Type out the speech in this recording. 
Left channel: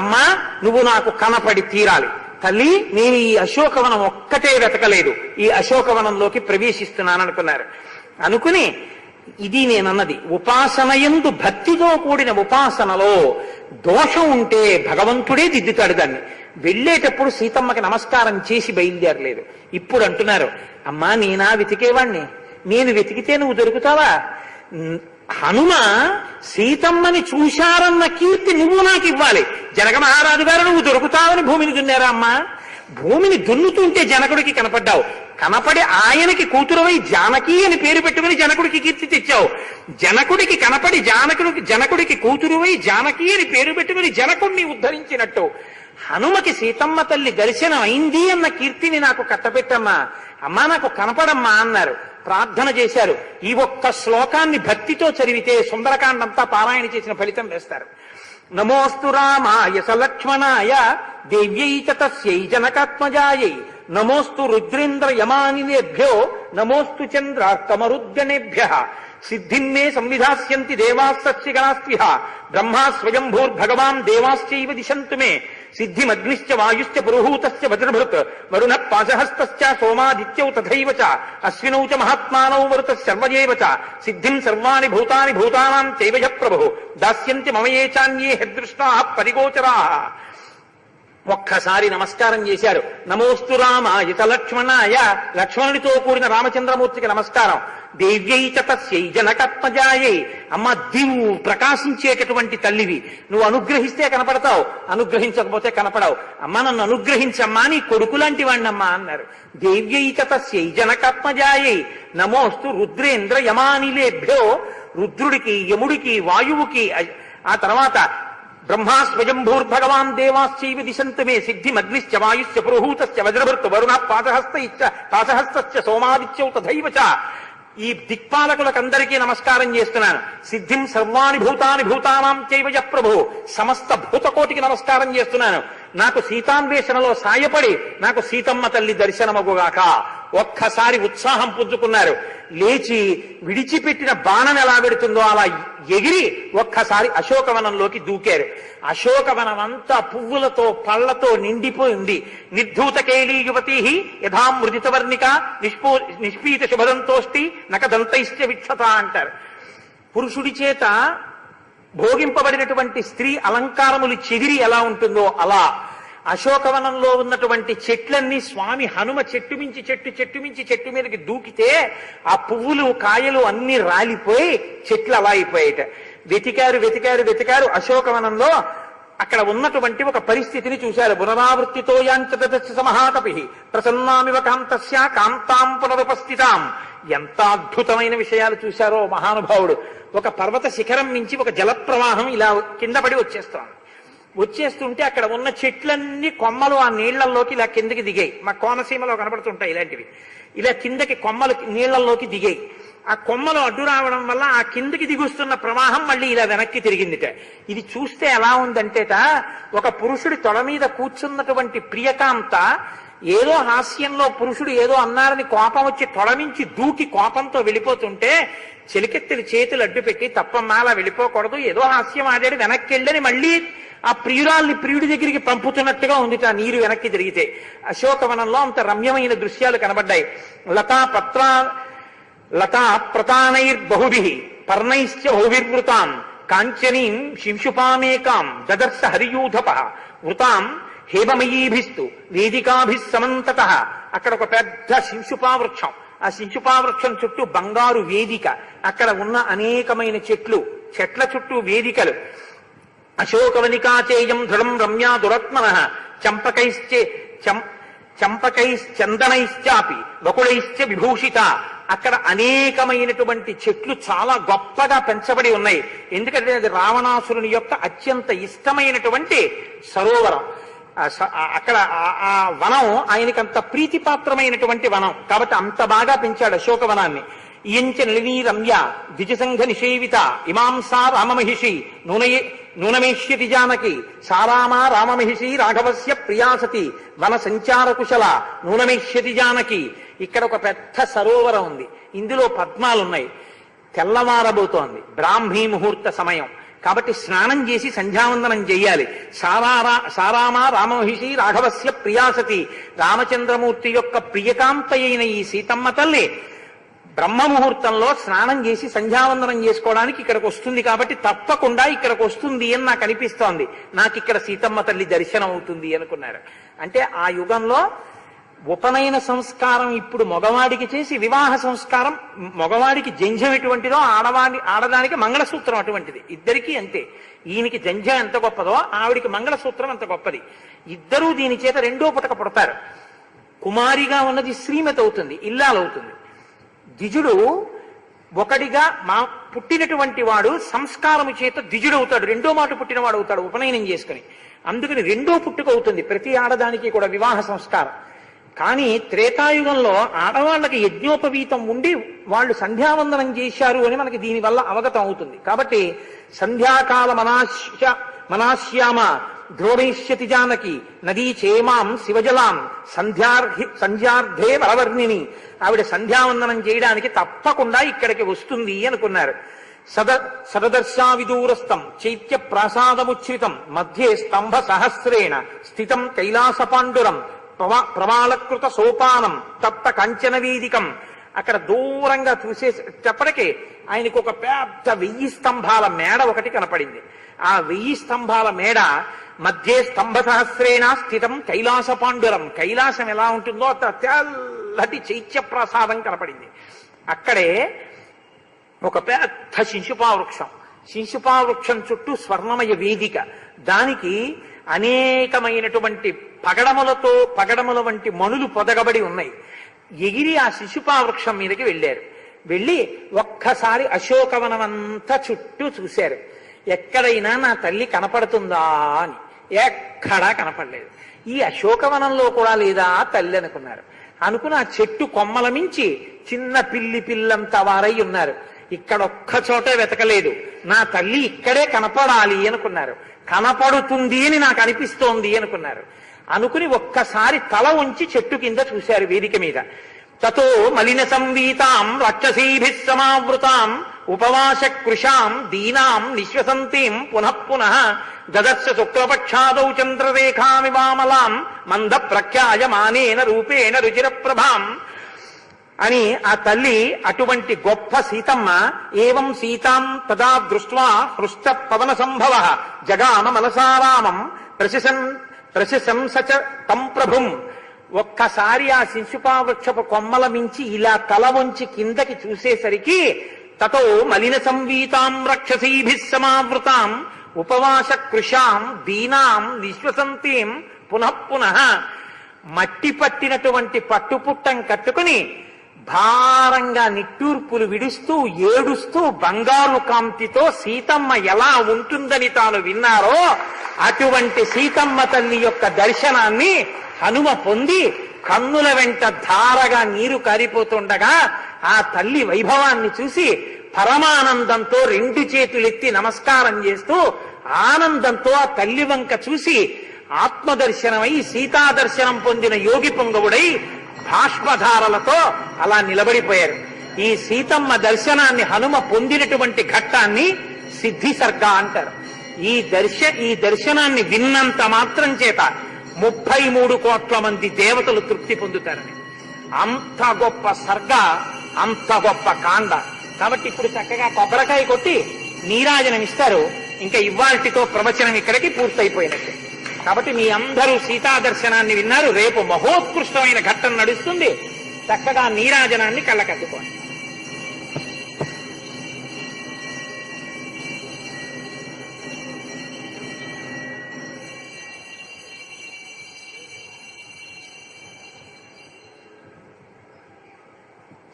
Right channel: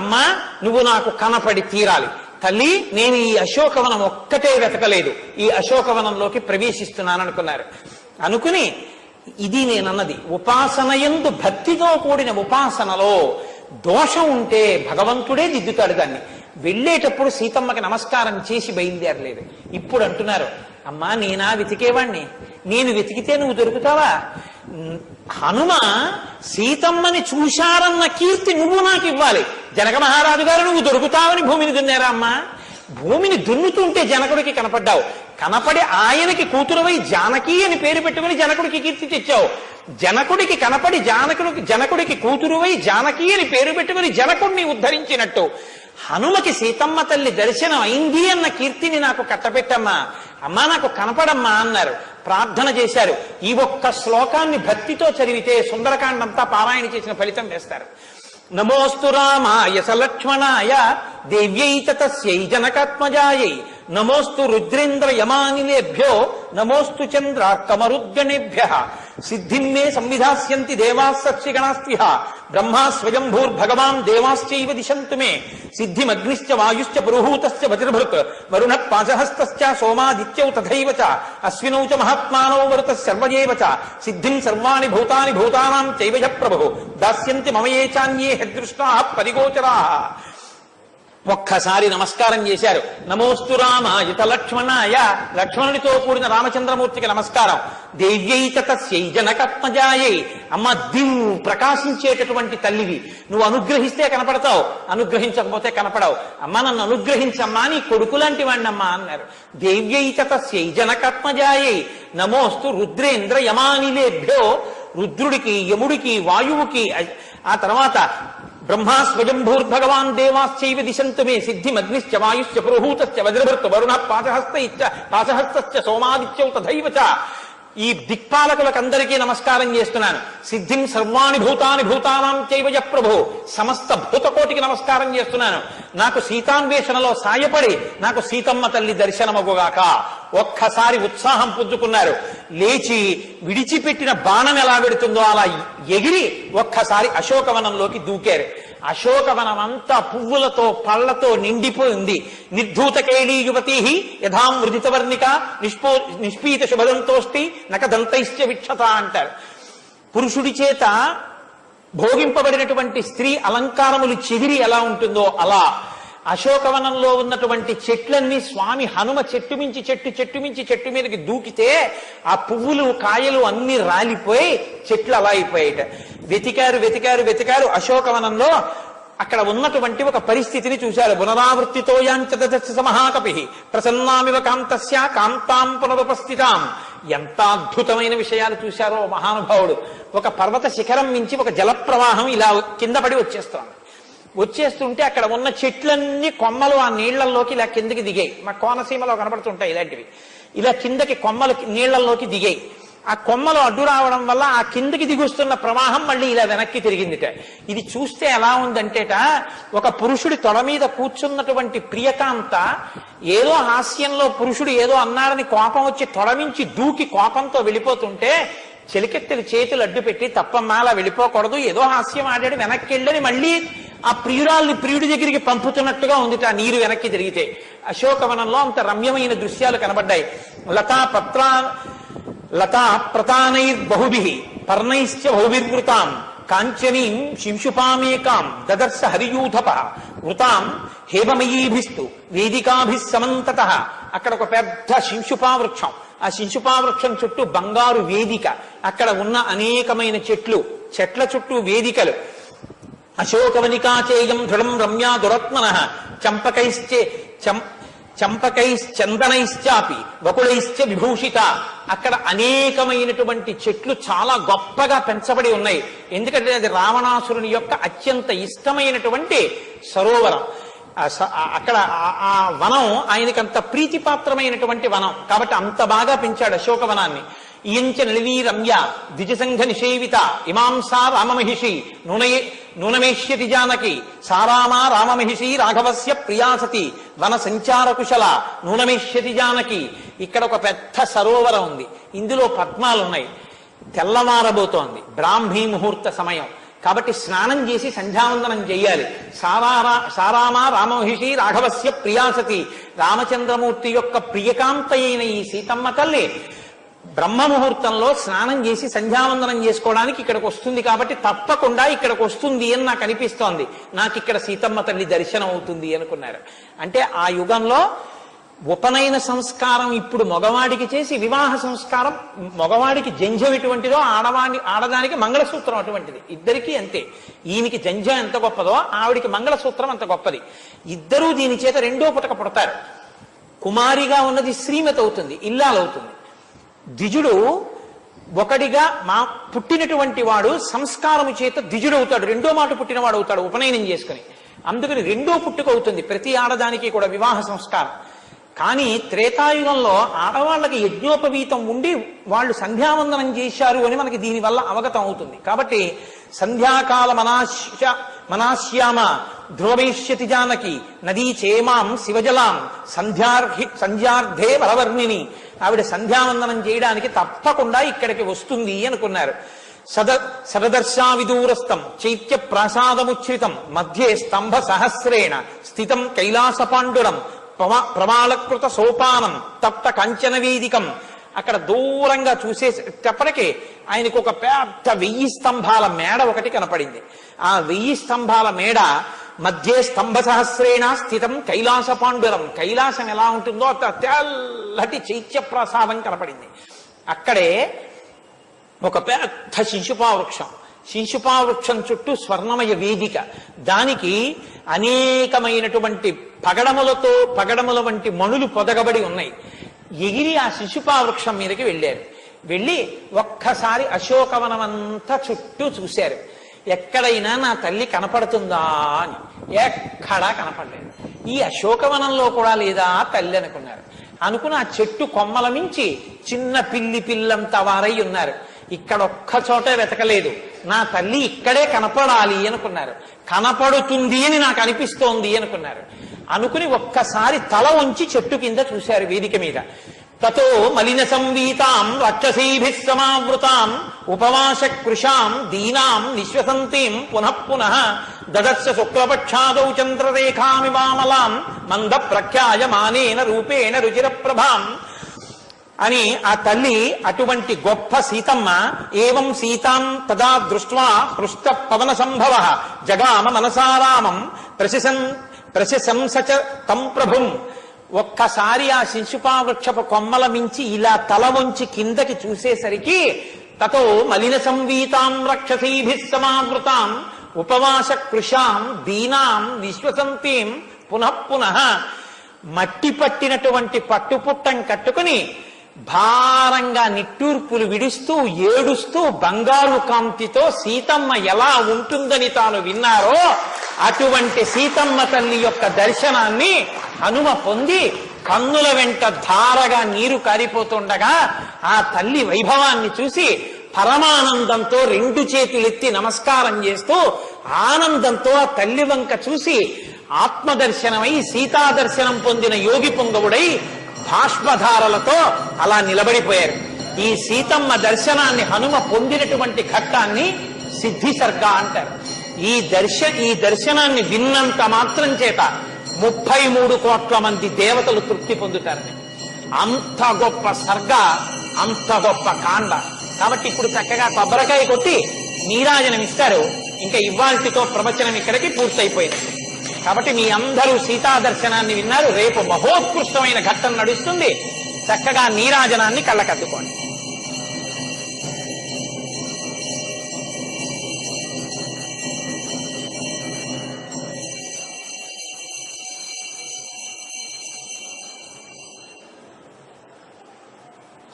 అమ్మా నువ్వు నాకు కనపడి తీరాలి తల్లి, నేను ఈ అశోకవనం ఒక్కటే వెతకలేదు, ఈ అశోకవనంలోకి ప్రవేశిస్తున్నాననుకున్నారు. అనుకుని ఇది నేనన్నది ఉపాసనయందు భక్తితో కూడిన ఉపాసనలో దోషం ఉంటే భగవంతుడే దిద్దుతాడు దాన్ని. వెళ్ళేటప్పుడు సీతమ్మకి నమస్కారం చేసి బయలుదేరలేదు. ఇప్పుడు అంటున్నారు, అమ్మా నేనా వెతికేవాణ్ణి, నేను వెతికితే నువ్వు దొరుకుతావా? హనుమ సీతమ్మని చూశారన్న కీర్తి నువ్వు నాకు ఇవ్వాలి. జనక మహారాజు గారు నువ్వు దొరుకుతావని భూమిని దున్నారా అమ్మా? భూమిని దున్నుతుంటే జనకుడికి కనపడ్డావు, కనపడి ఆయనకి కూతురువై జానకి అని పేరు పెట్టుకుని జనకుడికి కీర్తి తెచ్చావు. జనకుడికి కనపడి జనకుడికి కూతురువై జానకి అని పేరు పెట్టుకుని జనకుడిని ఉద్ధరించినట్టు హనుమకి సీతమ్మ తల్లి దర్శనం అయింది అన్న కీర్తిని నాకు కట్టపెట్టమ్మా, అమ్మా నాకు కనపడమ్మా అన్నారు. ప్రార్థన చేశారు. ఈ ఒక్క శ్లోకాన్ని భక్తితో చదివితే సుందరకాండంతా పారాయణ చేసిన ఫలితం వేస్తారు. నమోస్తు రామాయ సలక్ష్మణాయ దేవ్యై చ తస్యై జనకాత్మజాయై నమోస్తు రుద్రేంద్ర యమానినేభ్యో నమోస్తు చంద్రార్కమరుద్గణేభ్యః సిద్ధిన్మే సంవిధాస్యంతి దేవాः సక్షిగణాస్త్విహ బ్రహ్మా స్వయంభూర్భగవాన్ దేవాశ్చైవ దిశంతు మే సిద్ధిమగ్నిశ్చ వాయుశ్చ పురుహూతశ్చ వజ్రభృత్ వరుణః పాశహస్తశ్చ సోమాదిత్యౌ తథైవ చ అశ్వినౌ చ మహాత్మానౌ వరుతః సర్వయేవ చ సిద్ధిం సర్వాణి భూతాని భూతానాం చైవ ప్రభుః దాస్యంతి మమ ఏ చాన్యే హృదృష్టాః పరిగోచరాః. ఒక్కసారి నమస్కారం చేశారు. నమోస్తు రామాయ లక్ష్మణాయ, లక్ష్మణునితో కూడిన రామచంద్రమూర్తికి నమస్కారం. దేవ్యై చ తస్యై జనకాత్మజాయై, అమ్మ దిమ్ము ప్రకాశించేటటువంటి తల్లివి, నువ్వు అనుగ్రహిస్తే కనపడతావు, అనుగ్రహించకపోతే కనపడవు. అమ్మ నన్ను అనుగ్రహించమ్మా, నీ కొడుకు లాంటి వాణ్ణమ్మా అన్నారు. దేవ్యై చ తస్యై జనకాత్మజాయై నమోస్తు రుద్రేంద్ర యమానిలేభ్యో, రుద్రుడికి యముడికి వాయువుకి, ఆ తర్వాత బ్రహ్మా స్వయంభూర్భగవాన్ దేవాశ్చైవ దిశంతు మే సిద్ధిమగ్నిశ్చ వాయుశ్చ పురుహూతశ్చ వజ్రభృత్ వరుణః పాశహస్తశ్చ సోమాదిత్యౌ తథైవ చ. ఈ దిక్పాలకులకు అందరికీ నమస్కారం చేస్తున్నాను. సిద్ధిం సర్వాణి భూతాని భూతానాం చైవ ప్రభు, సమస్త భూతకోటికి నమస్కారం చేస్తున్నాను. నాకు సీతాన్వేషణలో సాయపడి నాకు సీతమ్మ తల్లి దర్శనమగుగాక. ఒక్కసారి ఉత్సాహం పుంజుకున్నారు. లేచి విడిచిపెట్టిన బాణం ఎలా పెడుతుందో అలా ఎగిరి ఒక్కసారి అశోకవనంలోకి దూకారు. అశోకవనం అంతా పువ్వులతో పళ్లతో నిండిపోయి ఉంది. నిర్ధూతకేళీ యువతీ యథా మృదితవర్ణిక నిష్పీత శుభదంతోష్టి నకదంతైశ్చ విక్షత అంటారు. పురుషుడి చేత భోగింపబడినటువంటి స్త్రీ అలంకారములు చెదిరి ఎలా ఉంటుందో అలా అశోకవనంలో ఉన్నటువంటి చెట్లన్నీ స్వామి హనుమ చెట్టు మించి చెట్టు మీదకి దూకితే ఆ పువ్వులు కాయలు అన్ని రాలిపోయి చెట్లు అలా అయిపోయాట. వెతికారు అశోకవనంలో. అక్కడ ఉన్నటువంటి ఒక పరిస్థితిని చూశారు. పునరావృత్తితో యాంచ మహాకపి ప్రసన్నామివ కాంతస్య కాంతాం పునరుపస్థితాం. ఎంత అద్భుతమైన విషయాలు చూశారో మహానుభావుడు. ఒక పర్వత శిఖరం నుంచి ఒక జలప్రవాహం ఇలా కింద పడి వచ్చేస్తుంటే అక్కడ ఉన్న చెట్లన్నీ కొమ్మలు ఆ నీళ్లలోకి ఇలా కిందకి దిగాయి. మా కోనసీమలో కనపడుతుంటాయి ఇలాంటివి. ఇలా కిందకి కొమ్మలు నీళ్లలోకి దిగాయి. ఆ కొమ్మలు అడ్డు రావడం వల్ల ఆ కిందకి దిగుస్తున్న ప్రవాహం మళ్ళీ ఇలా వెనక్కి తిరిగిందిట. ఇది చూస్తే ఎలా ఉందంటేట, ఒక పురుషుడి తొడ మీద కూర్చున్నటువంటి ప్రియకాంత ఏదో హాస్యంలో పురుషుడు ఏదో అన్నారని కోపం వచ్చి తొడ నుంచి దూకి కోపంతో వెళ్ళిపోతుంటే చెలికెత్తెలు చేతులు అడ్డు పెట్టి తప్పమ్మా అలా వెళ్ళిపోకూడదు, ఏదో హాస్యం ఆడాడు వెనక్కి వెళ్ళని మళ్ళీ ఆ ప్రియురాల్ని ప్రియుడి దగ్గరికి పంపుతున్నట్టుగా ఉంది ఆ నీరు వెనక్కి తిరిగితే. అశోకవనంలో అంత రమ్యమైన దృశ్యాలు కనబడ్డాయి. లతా ప్రతానైర్బహుభిః పర్ణైశ్చ బహువిర్వృతాం కాంచనీం శింశుపామేకాం దదర్శ హరియూధప వృతాం హేమమయీభిస్తు వేదికాభిః సమంతతః. అక్కడ ఒక పెద్ద శింశుపా వృక్షం, ఆ శింశుపా వృక్షం చుట్టూ బంగారు వేదిక, అక్కడ ఉన్న అనేకమైన చెట్ల చుట్టూ వేదికలు. అశోకవనికాచేయం దృఢం రమ్యా దురత్మనః చంపకైశ్చందనైశ్చాపి వకుళైశ్చ విభూషిత. అక్కడ అనేకమైనటువంటి చెట్లు చాలా గొప్పగా పెంచబడి ఉన్నాయి. ఎందుకంటే అది రావణాసురుని యొక్క అత్యంత ఇష్టమైనటువంటి సరోవరం. అక్కడ ఆ వనం ఆయనకి అంత ప్రీతిపాత్రమైనటువంటి వనం కాబట్టి అంత బాగా పెంచాడు అశోకవనాన్ని. ఇయంచ నిలవీ రమ్య ద్విజసంఘ నిషేవిత ఇమాంసా రామమహిషి నూనమేష్యతి జానకి సారామా రామమహిషి రాఘవస్య ప్రియాసతి వన సంచార కుశల నూనమేష్యతి జానకి. ఇక్కడ ఒక పెద్ద సరోవరం ఉంది, ఇందులో పద్మాలున్నాయి. తెల్లవారబోతోంది, బ్రాహ్మీ ముహూర్త సమయం. కాబట్టి స్నానం చేసి సంధ్యావందనం చేయాలి. సారామ రామమహిషి రాఘవస్య ప్రియాసతి, రామచంద్రమూర్తి యొక్క ప్రియకాంత అయిన ఈ సీతమ్మ తల్లి బ్రహ్మముహూర్తంలో స్నానం చేసి సంధ్యావందనం చేసుకోవడానికి ఇక్కడికి వస్తుంది. కాబట్టి తప్పకుండా ఇక్కడికి వస్తుంది అని నాకు అనిపిస్తోంది, నాకు ఇక్కడ సీతమ్మ తల్లి దర్శనం అవుతుంది అనుకున్నారు. అంటే ఆ యుగంలో ఉపనయన సంస్కారం ఇప్పుడు మగవాడికి చేసి, వివాహ సంస్కారం మగవాడికి జంధ్యం ఎటువంటిదో ఆడదానికి మంగళసూత్రం అటువంటిది. ఇద్దరికీ అంతే. ఈయనకి జంధ్యం ఎంత గొప్పదో ఆవిడికి మంగళసూత్రం అంత గొప్పది. ఇద్దరూ దీని చేత రెండో పుటక పుడతారు. కుమారిగా ఉన్నది శ్రీమతి అవుతుంది, ఇల్లాలవుతుంది. ద్విజుడు ఒకటిగా పుట్టినటువంటి వాడు సంస్కారము చేత ద్విజుడవుతాడు, రెండో మాట పుట్టినవాడు అవుతాడు ఉపనయనం చేసుకుని. అందుకని రెండో పుట్టుక అవుతుంది ప్రతి ఆడదానికి కూడా వివాహ సంస్కారం. కానీ త్రేతాయుగంలో ఆడవాళ్ళకి యజ్ఞోపవీతం ఉండి వాళ్ళు సంధ్యావందనం చేశారు అని మనకి దీనివల్ల అవగతం అవుతుంది. కాబట్టి సంధ్యాకాల మనాశ్యామ ధ్రువైష్యతి జానకి నదీ చేమాం శివజలాం సంధ్యార్థే వరవర్ణిని, ఆవిడ సంధ్యావందనం చేయడానికి తప్పకుండా ఇక్కడికి వస్తుంది అనుకున్నారు. సదదర్శా విదూరస్థం చైత్య ప్రాసాదముచ్ఛ్రితం మధ్యే స్తంభ సహస్రేణ స్థితం కైలాస పాండురం ప్రమాళకృత సోపానం తప్త కంచన వేదికం. అక్కడ దూరంగా చూసేటప్పటికీ ఆయనకు ఒక పెద్ద 1000 స్తంభాల మేడ ఒకటి కనపడింది. ఆ 1000 స్తంభాల మేడ మధ్య స్తంభ సహస్రేణ స్థితం కైలాస పాండురం, కైలాసం ఎలా ఉంటుందో తెల్లటి చైత్య ప్రసాదం కనపడింది. అక్కడే ఒక పెద్ద శిశుపావృక్షం, శిశుపావృక్షం చుట్టూ స్వర్ణమయ వేదిక, దానికి అనేకమైనటువంటి పగడముల వంటి మణులు పొదగబడి ఉన్నాయి. ఎగిరి ఆ శిశుపావృక్షం మీదకి వెళ్ళారు. వెళ్ళి ఒక్కసారి అశోకవనం అంతా చుట్టూ చూశారు. ఎక్కడైనా నా తల్లి కనపడుతుందా అని. ఎక్కడా కనపడలేదు. ఈ అశోకవనంలో కూడా లేదా తల్లి అనుకున్నారు. అనుకుని ఆ చెట్టు కొమ్మల మించి చిన్న పిల్లంత వారై ఉన్నారు. ఇక్కడ ఒక్క చోటే వెతకలేదు, నా తల్లి ఇక్కడే కనపడాలి అనుకున్నారు. కనపడుతుంది అని నాకు అనిపిస్తోంది అనుకున్నారు. అనుకుని ఒక్కసారి తల వంచి చెట్టు కింద చూశారు వేదిక మీద. తతో మలిన సంవీతాం రాక్షసీభిః సమావృతాం ఉపవాస కృషాం దీనాం నిశ్వసంతీం పునః పునః దదర్శ శుక్లపక్షాదౌ చంద్రరేఖామివామలాం మంద ప్రఖ్యాయమానేన రూపేణ రుచిర ప్రభాం అని ఆ తల్లి అటువంటి గొప్ప సీతమ్మ ఏవం సీతాం తదా దృష్ట్వా హృష్ట పవన సంభవ జగామ మనసారామం ప్రశంసచ తం ప్రభుం. ఒక్కసారి ఆ శిశుపావృక్షపు కొమ్మల మించి ఇలా తల వంచి కిందకి చూసేసరికి తతో మలిన సంవీతాం రాక్షసీభిః సమావృతాం ఉపవాస కృషాం దీనాం నిశ్వసంతీం పునః పునః, మట్టి పట్టినటువంటి పట్టుపుట్టం కట్టుకుని భారంగా నిట్టూర్పులు విడుస్తూ ఏడుస్తూ బంగారు కాంతితో సీతమ్మ ఎలా ఉంటుందని తాను విన్నారో అటువంటి సీతమ్మ తల్లి యొక్క దర్శనాన్ని హనుమ పొంది కన్నుల వెంట ధారగా నీరు కారిపోతుండగా ఆ తల్లి వైభవాన్ని చూసి పరమానందంతో 2 చేతులెత్తి నమస్కారం చేస్తూ ఆనందంతో ఆ తల్లి వంక చూసి ఆత్మదర్శనమై సీతాదర్శనం పొందిన యోగి పొంగవుడై భాష్పధారలతో అలా నిలబడిపోయారు. ఈ సీతమ్మ దర్శనాన్ని హనుమ పొందినటువంటి ఘట్టాన్ని సిద్ధి సర్గ అంటారు. ఈ దర్శనాన్ని విన్నంత మాత్రం చేత 33 కోట్ల మంది దేవతలు తృప్తి పొందుతారని. అంత గొప్ప సర్గ, అంత గొప్ప కాండ. కాబట్టి ఇప్పుడు చక్కగా కొబ్బరికాయ కొట్టి నీరాజనం ఇస్తారు. ఇంకా ఇవాల్టితో ప్రవచనం ఇక్కడికి పూర్తయిపోయింది. కాబట్టి మీ అందరూ సీతా దర్శనాన్ని విన్నారు. రేపు మహోత్కృష్టమైన ఘట్టం నడుస్తుంది. చక్కగా నీరాజనాన్ని కళ్ళకద్దుకోండి.